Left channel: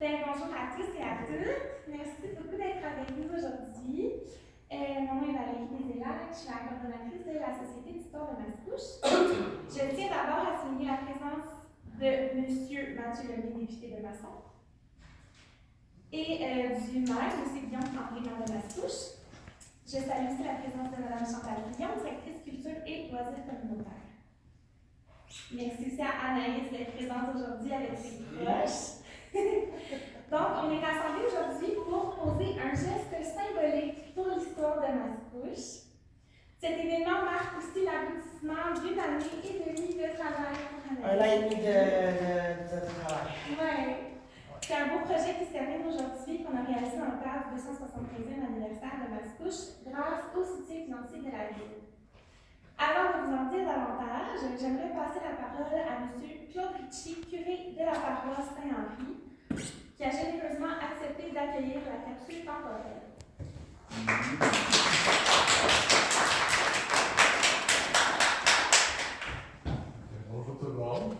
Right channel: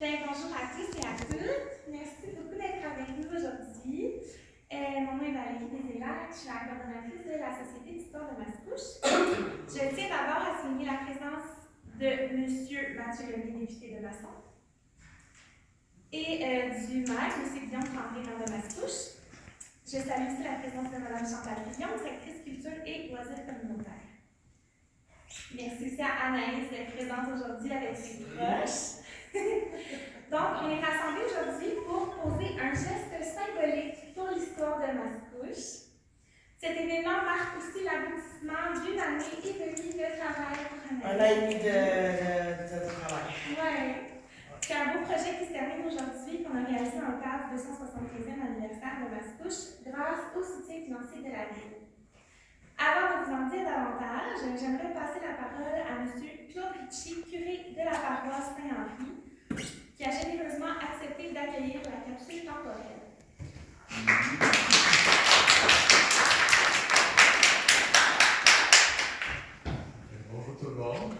Bonjour à tous et à toutes. Merci beaucoup d'être avec nous aujourd'hui. Mon nom est Valérie Desélac, je suis la coordonnatrice de la Société d'histoire de Mascouche. Je tiens d'abord à souligner la présence de M. Mathieu Lemay, député de Masson, et du maire, M. Guillaume André, maire de Mascouche. Je salue aussi la présence de Mme Chantal Guillaume, directrice culture et loisirs communautaires. Merci aussi à Anaïs d'être présente aujourd'hui avec ses proches. Donc, on est rassemblés aujourd'hui pour poser un geste symbolique pour l'histoire de Mascouche. Cet événement marque aussi l'aboutissement d'une année et demie de travail pour Anaïs. Un an et demi de travail. Oui. C'est un beau projet qui se termine aujourd'hui, qu'on a réalisé dans le cadre du 275e anniversaire de Mascouche, grâce au soutien financier de la Ville. Avant de vous en dire davantage, j'aimerais passer la parole à M. Claude Ritchie, curé de la paroisse Saint-Henri, qui a généreusement accepté d'accueillir la capsule temporelle. Bonjour tout le monde.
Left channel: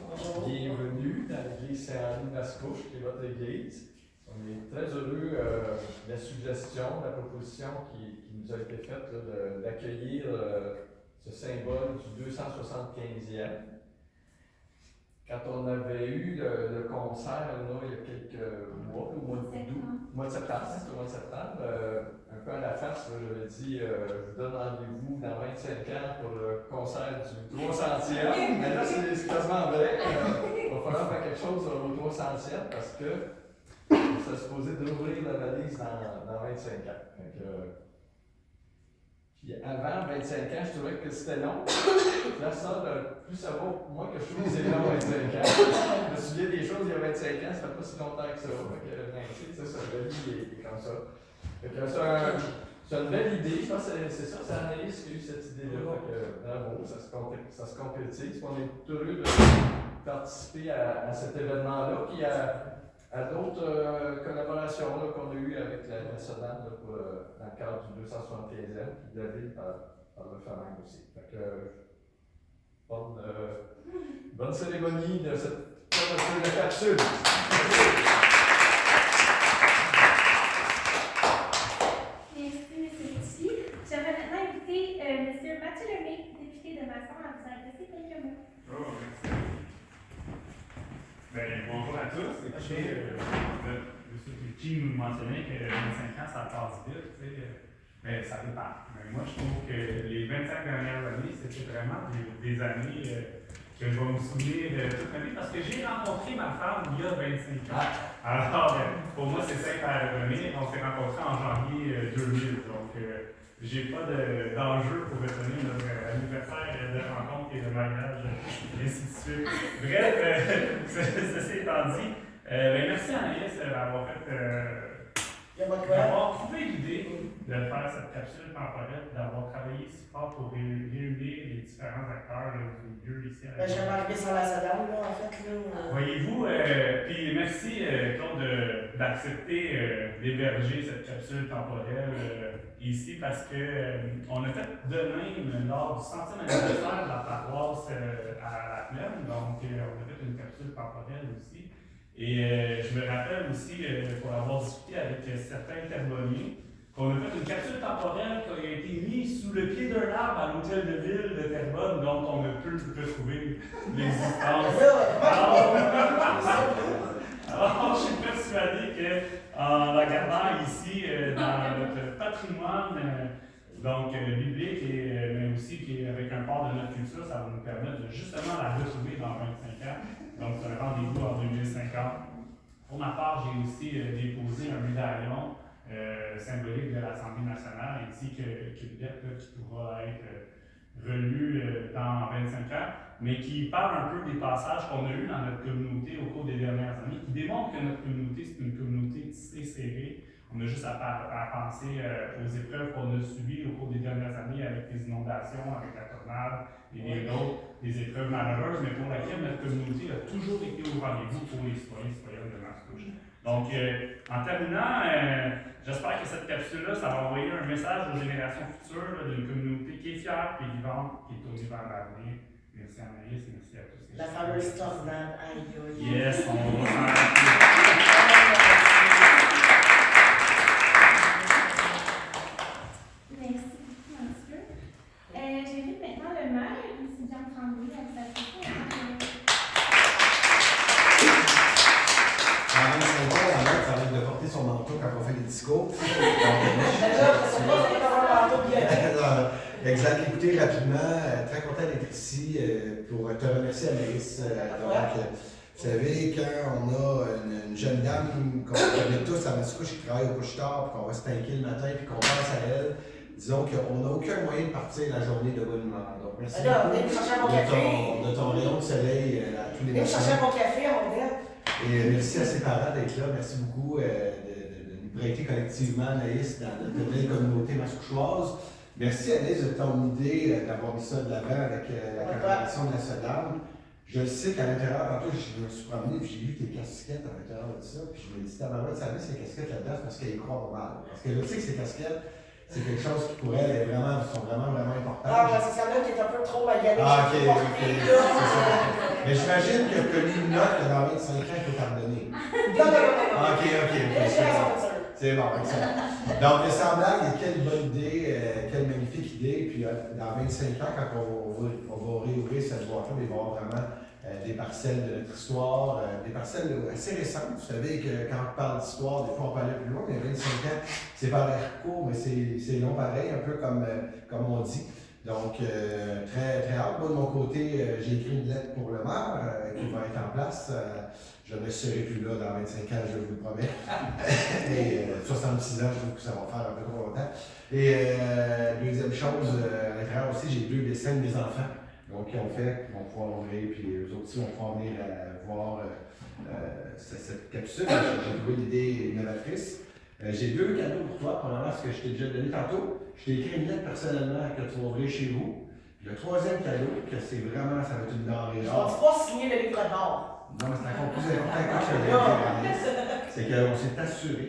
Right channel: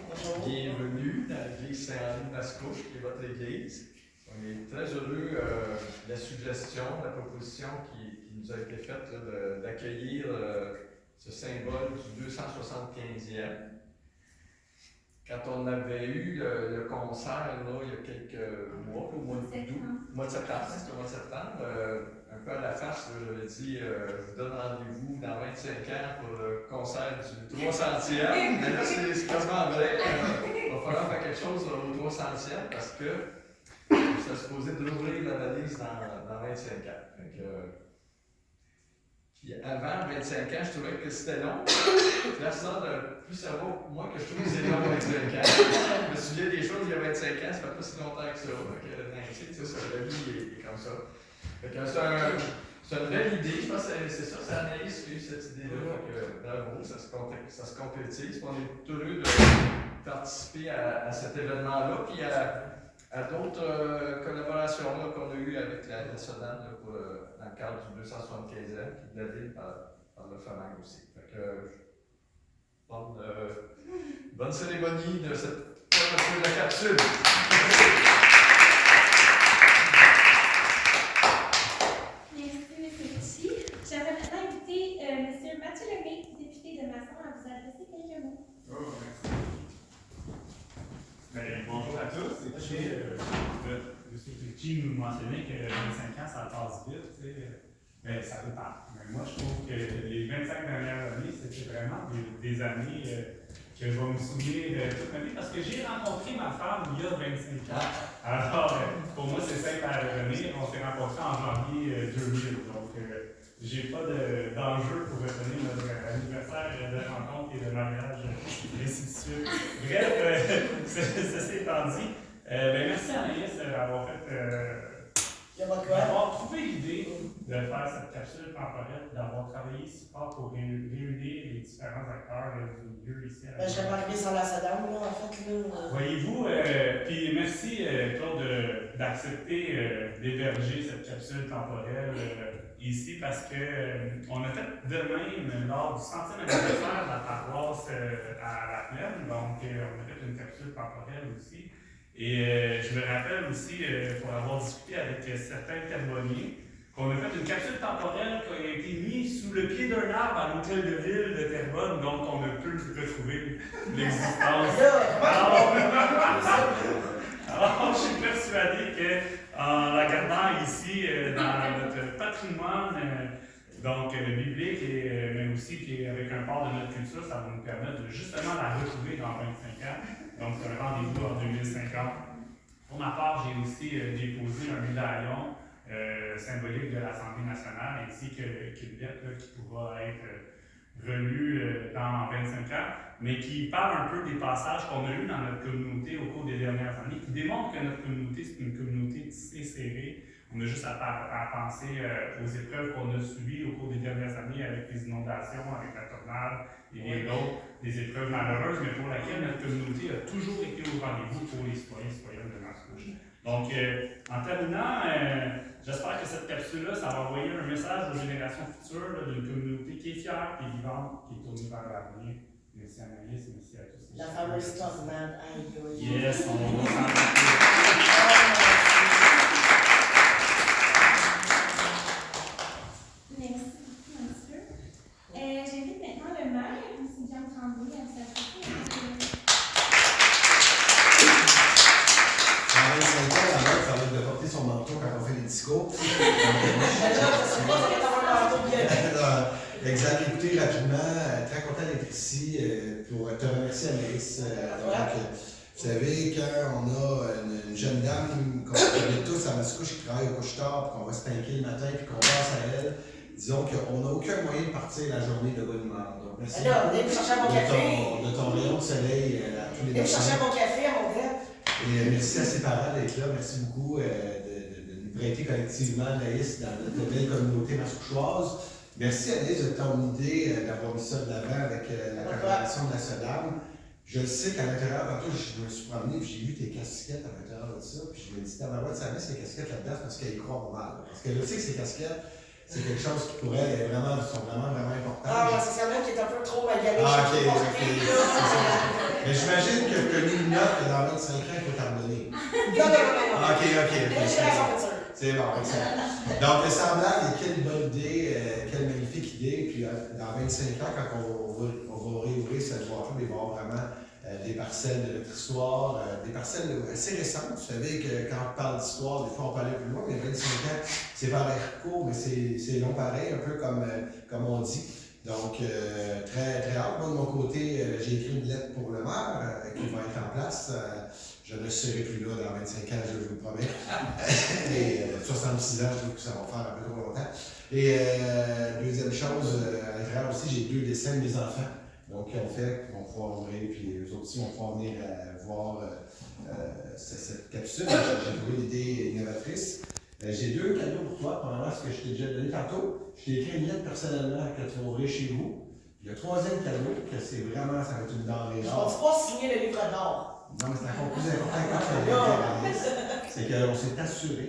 Bonjour. Bienvenue dans l'église Saint-Henri de Mascouche, qui est votre église. On est très heureux de la suggestion, de la proposition qui nous a été faite d'accueillir ce symbole du 275e. Quand on avait eu le concert là, il y a quelques mois, au mois de septembre, c'était au mois de septembre, un peu à la face, j'avais dit je vous donne rendez-vous dans 25 ans pour le concert du 300e. Mais là, c'est quasiment vrai. Il va falloir faire quelque chose au 300e parce que ça se supposé d'ouvrir la valise dans 25 ans. Puis avant 25 ans, je trouvais que c'était long. Là, ça, plus ça va pour moi que je trouve que c'est long 25 ans. Je me souviens des choses il y a 25 ans, ça fait pas si longtemps que ça. La vie est comme ça. C'est une belle idée. Je pense que c'est ça, c'est Anaïs qui a eu cette idée-là. Bravo, ça se concrétise. On est heureux de participer à cet événement-là. Puis à d'autres collaborations qu'on a eues avec la nationale dans le cadre du 275e, puis de la ville par le FAMAG aussi. Bonne cérémonie de cette ouverture de capsule. Merci, M. Ritchie. J'aimerais maintenant inviter M. Mathieu Lemay, député de Masson, à vous adresser quelques mots. Oh, merci. Bonjour à tous. Écoutez, M. Ritchie nous mentionnait que 25 ans, ça passe vite. Mais ça dépend. Mais moi, je trouve que les 25 dernières années, c'était vraiment des années que je vais me souvenir toute ma vie parce que j'ai rencontré ma femme il y a 25 ans. Alors, pour moi, c'est simple à revenir. On s'est rencontrés en janvier 2000. Donc, j'ai pas d'enjeu pour retenir notre anniversaire de rencontre et de mariage, et ainsi de suite. Bref, ceci étant dit, merci Anaïs d'avoir d'avoir trouvé l'idée de faire cette capsule temporelle, d'avoir travaillé si fort pour réunir les différents acteurs du milieu ici à la Je vais m'arriver sans la sedane, là, en fait. Voyez-vous, puis merci Claude d'accepter d'héberger cette capsule temporelle ici parce que on a fait de même lors du 100e anniversaire de la paroisse à la Plaine, donc on a fait une capsule temporelle aussi. Et je me rappelle aussi, pour avoir discuté avec certains Terrebonniers, qu'on a fait une capsule temporelle qui a été mise sous le pied d'un arbre à l'hôtel de ville de Terrebonne, dont on a pu retrouver l'existence. Alors, je suis persuadé qu'en la gardant ici dans notre patrimoine biblique, mais aussi qui est avec un part de notre culture, ça va nous permettre de justement la retrouver dans 25 ans. Donc, c'est un rendez-vous en 2050. Pour ma part, j'ai aussi déposé un médaillon symbolique de l'Assemblée nationale ainsi qu'une lettre qui pourra être relue dans 25 ans, mais qui parle un peu des passages qu'on a eus dans notre communauté au cours des dernières années, qui démontre que notre communauté, c'est une communauté tissée serrée. On a juste à penser aux épreuves qu'on a subies au cours des dernières années avec les inondations, avec la tornade et d'autres, des épreuves malheureuses, mais pour laquelle notre communauté a toujours été au rendez-vous pour les citoyens et citoyennes de Mascouche. Donc, en terminant, j'espère que cette capsule-là, ça va envoyer un message aux générations futures d'une communauté qui est fière, qui est vivante, qui est tournée vers l'avenir. merci à Anaïs, merci à tous. La fameuse tornade, aïe, aïe. Yes, on va s'en rappeler. Merci beaucoup, monsieur. J'invite maintenant le maire, M. Jean Tremblay, à vous apporter. En 25 ans, la mère, ça va être de porter son manteau quand on fait les discours. Exact. Écoutez, rapidement, très content d'être ici pour te remercier, Anaïs. Vous savez, quand on a une jeune dame qu'on connaît tous à Mascouche qui travaille au couche-tard, puis qu'on va se tanker le matin, puis qu'on pense à elle, disons qu'on n'a aucun moyen de partir la journée de bonne humeur. Donc, merci Alors, venez me chercher mon café. de ton rayon de soleil à tous les Venez me matins. chercher mon café à mon dette. Et merci à ses parents d'être là. Merci beaucoup de nous prêter collectivement, Anaïs, dans notre belle communauté mascouchoise. Merci, Anaïs, de ton idée d'avoir mis ça de l'avant avec la commémoration de la Sodame. Je sais qu'à l'intérieur, tantôt, je me suis promené et j'ai vu tes casquettes à l'intérieur de ça. Puis je me dis, tabarouette, ça met ces casquettes là-dedans parce qu'elle y croit pas mal. Parce que je sais que ces casquettes, c'est quelque chose qui pour elle sont vraiment importantes. Ah, ben, c'est celle-là qui est un peu trop maganée. Ah, ok, je sais pas ok, porter, c'est là. ça. Mais j'imagine que tu as mis une note que dans 25 ans, il faut t'abandonner. Non. Ah, ok. Là, j'ai la voiture. C'est bon, excellent. Donc, sans blague, quelle bonne idée, quelle magnifique idée. Puis, dans 25 ans, quand on va réouvrir cette boîte-là, il va y avoir vraiment des parcelles de notre histoire, des parcelles assez récentes. Vous savez que quand on parle d'histoire, des fois on peut aller plus loin, mais 25 ans, c'est vers l'air court, mais c'est long pareil, un peu comme on dit. Donc, très hâte. Moi, de mon côté, j'ai écrit une lettre pour le maire qui va être en place. Je ne serai plus là dans 25 ans, je vous le promets. Et 66 ans, je trouve que ça va faire un peu trop longtemps. Et deuxième chose, à l'intérieur aussi, j'ai 2 dessins de mes enfants. Donc, qui ont fait, qui vont pouvoir ouvrir, puis eux autres aussi vont pouvoir venir voir cette capsule. J'ai trouvé l'idée innovatrice. J'ai 2 cadeaux pour toi. Premièrement, ce que je t'ai déjà donné tantôt. Je t'ai écrit une lettre personnellement que tu vas ouvrir chez vous. Puis le troisième cadeau, que c'est vraiment, ça va être une denrée Je d'or. vais pas signer le livre d'or. Non, mais c'est encore plus important que ça. C'est qu'on s'est assuré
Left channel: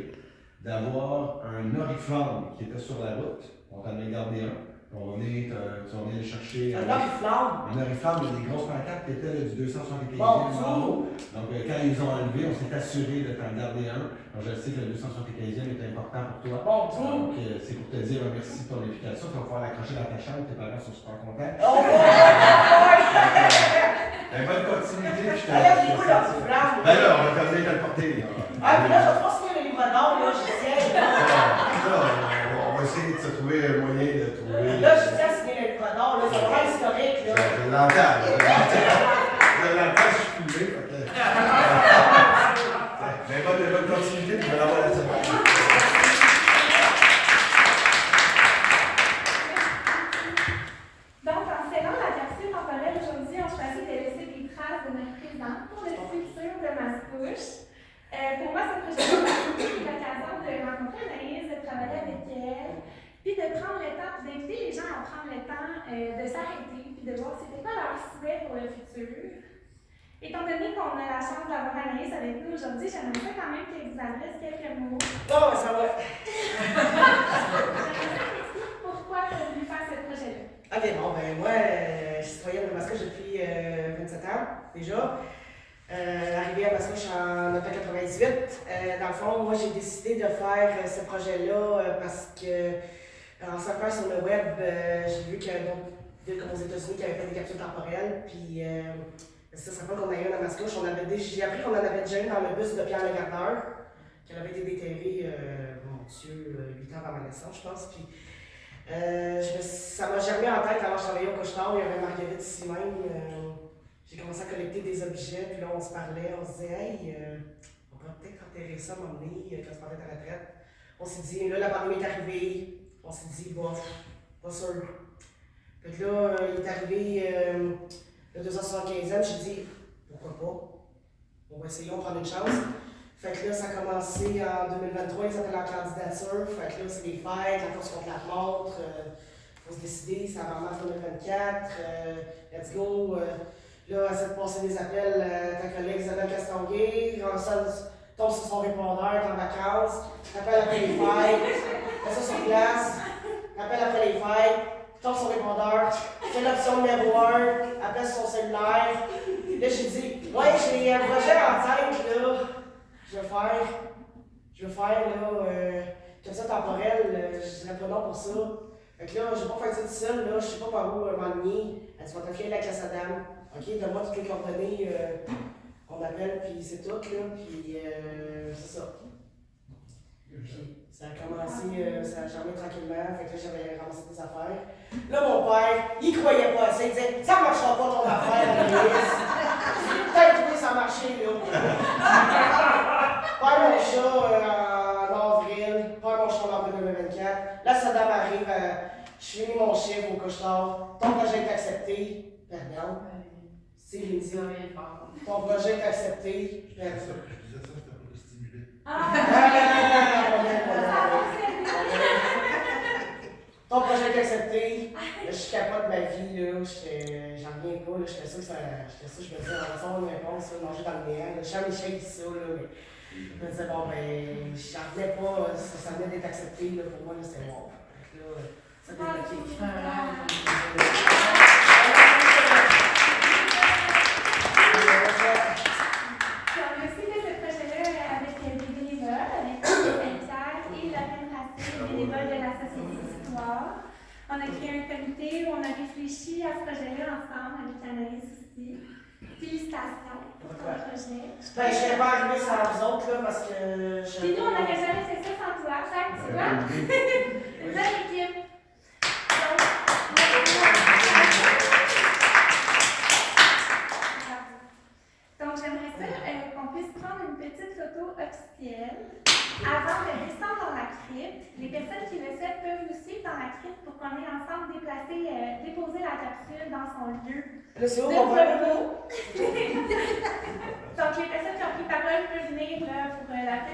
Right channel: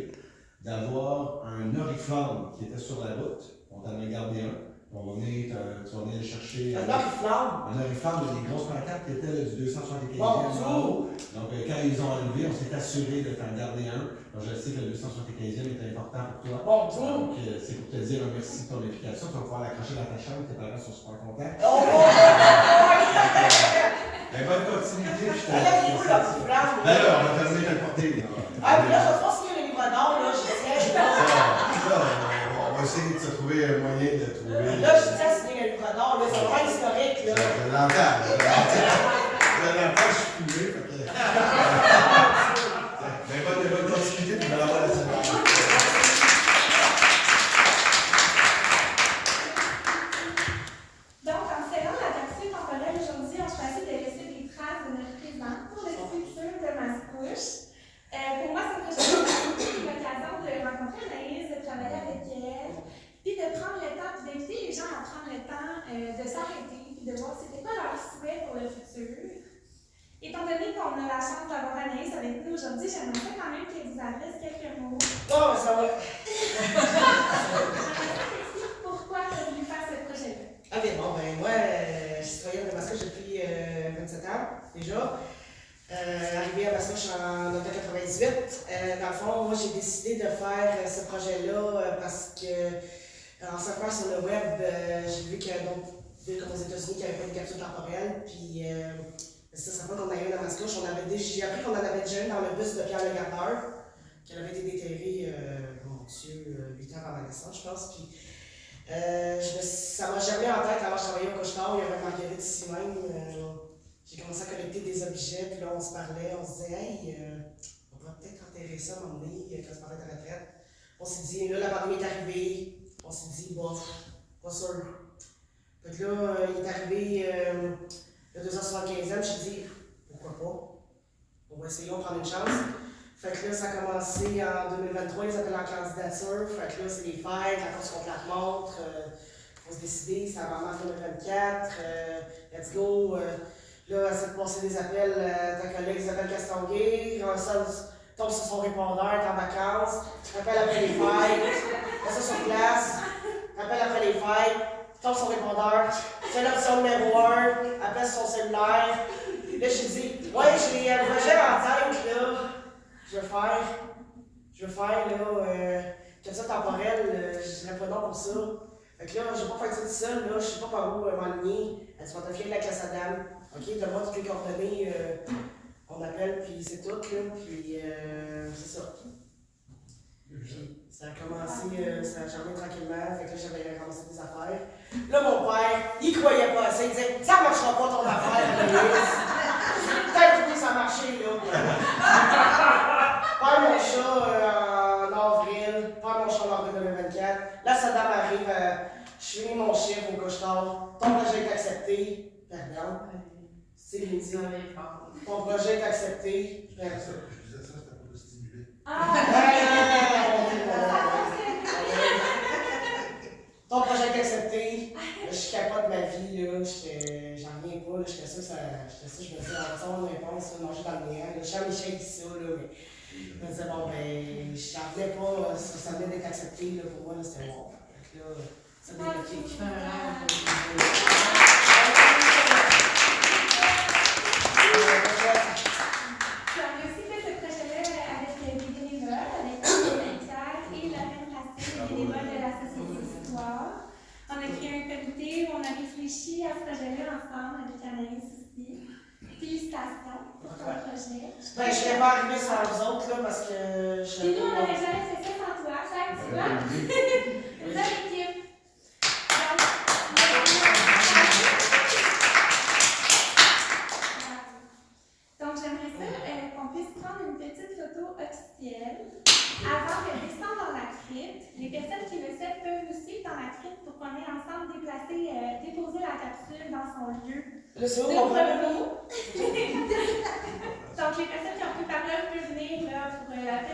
d'avoir un oriflamme qui était sur la route. On t'en a gardé un. On va venir le chercher. Un oriflamme. Un oriflamme, il y a des grosses pancartes qui étaient du 275e Bon, en haut. Donc, quand ils ont enlevé, on s'est assuré de t'en garder un. Donc, je sais que le 275e est important pour toi. Bon, Donc, c'est pour te dire un merci pour l'implication. Tu vas pouvoir l'accrocher dans ta chambre. Tes parents sont super contents. Oh, Bonne continuité. Je te alors, il est où l'oriflamme? Ben là, on va terminer de le porter. Ah, puis là, je vais pas signer le livre d'or, là, je tiens. On va essayer de se trouver un moyen de trouver. Là, je tiens à signer le livre d'or, là, c'est vraiment historique, là. Je l'entends. Je suis filmé. Mais bonne continuité, tu vas l'avoir la semaine. Donc, en scellant la capsule temporelle aujourd'hui, on choisit de laisser des traces de notre présent pour le futur de Mascouche. Pour moi, ce projet c'est l'occasion de rencontrer Anaïs, de travailler avec elle, puis de prendre le temps, puis d'inviter les gens à prendre le temps de s'arrêter, puis de voir c'était quoi leur souhait pour le futur. Étant donné qu'on a la chance d'avoir Anaïs avec nous aujourd'hui, j'aimerais ça quand même qu'elle vous adresse quelques mots. Non, ça va. Pourquoi tu as voulu faire ce projet-là? Ok, bon, ben moi, je suis citoyenne de Mascouche depuis 27 ans, déjà. Arrivée à Mascouche en 1998. Dans le fond, moi, j'ai décidé de faire ce projet-là parce que, en surfant sur le web, j'ai vu qu'il y a d'autres villes comme aux États-Unis qui avaient fait des capsules temporelles. Puis, ça serait pas qu'on ait une à Mascouche. J'ai appris qu'on en avait déjà une dans le bus de Pierre Le Gardeur, qui avait été déterrée, mon Dieu, 8 ans avant ma naissance, je pense. Puis, ça m'a germé en tête alors je travaillais au couche-tard, il y avait Marguerite ici même. J'ai commencé à collecter des objets, puis là on se parlait, on se disait, hey, on va peut-être enterrer ça à un moment donné, quand on se parlait de la retraite. On s'est dit, là la pandémie est arrivée, on s'est dit, bof, pas sûr. Puis là, il est arrivé le 275e, j'ai dit, pourquoi pas? On va essayer, on va prendre une chance. Fait que là, ça a commencé en 2023, ils appellent en candidature. Fait que là, c'est les fêtes, la course contre la montre. Faut se décider, c'est en mars 2024. Let's go. Là, essaie de passer des appels à ta collègue Isabelle Castonguay. Ça tombe sur son répondeur, t'es en vacances. Tu rappelles après les fêtes. Fais ça sur glace. Rappelle après les fêtes. tombe son répondeur, fait l'option numéro 1, appelle sur son cellulaire. Là, j'ai dit, ouais, j'ai un projet en tête, là. Je veux faire, là, comme ça temporel, je dirais pas non pour ça. Fait que là, je vais pas faire ça tout seul, là, je sais pas par où m'enligner. Elle dit, va te fier avec la classe à dame. Ok, donne-moi toutes les coordonnées, on appelle, puis c'est tout, là, puis c'est ça. Puis ça a commencé, ça a germé tranquillement, fait que là, j'avais ramassé des affaires. Là, mon père, il croyait pas assez, il disait, ça marchera pas ton affaire, Anaïs. Peut-être que ça a marché, là. Père mon chat en avril, père mon chat en avril 2024. Là, sa dame arrive, je finis mon chiffre au couche-tard. Ton projet est accepté. Pardon. C'est Lindsay. Ton projet est accepté. Je disais ça, c'était pour le stimuler. Ton projet est accepté. Là, je capote ma vie, là. J'en reviens pas, là. J'étais sûr que je me disais, on va une réponse, manger dans le néant. Jean-Michel dit ça, là, mais je me disais, bon, ben, j'en revenais pas, ça venait d'être accepté, là, pour moi, là, c'était bon. Fait que là, ça débloqué. Puis on a aussi fait ce projet-là avec des bénévoles, avec Saint-Pierre et Lorraine Racine, les bénévoles de la Société d'Histoire. On a créé un comité où on a réfléchi à ce projet-là ensemble avec Anaïs aussi. Félicitations pour ton projet. Ben, je serais pas arrivée sans vous autres, là, parce que je. Puis nous, on n'aurait jamais fait ça sans toi, Jacques, tu vois? Une bonne équipe. Donc, j'aimerais ça qu'on puisse prendre une petite photo officielle avant de descendre dans la crypte. Les personnes qui le souhaitent peuvent nous suivre dans la crypte pour qu'on ait ensemble déposé la capsule dans son lieu Là, c'est où de mon repos. Donc, les personnes qui ont pris parole peuvent venir là, pour la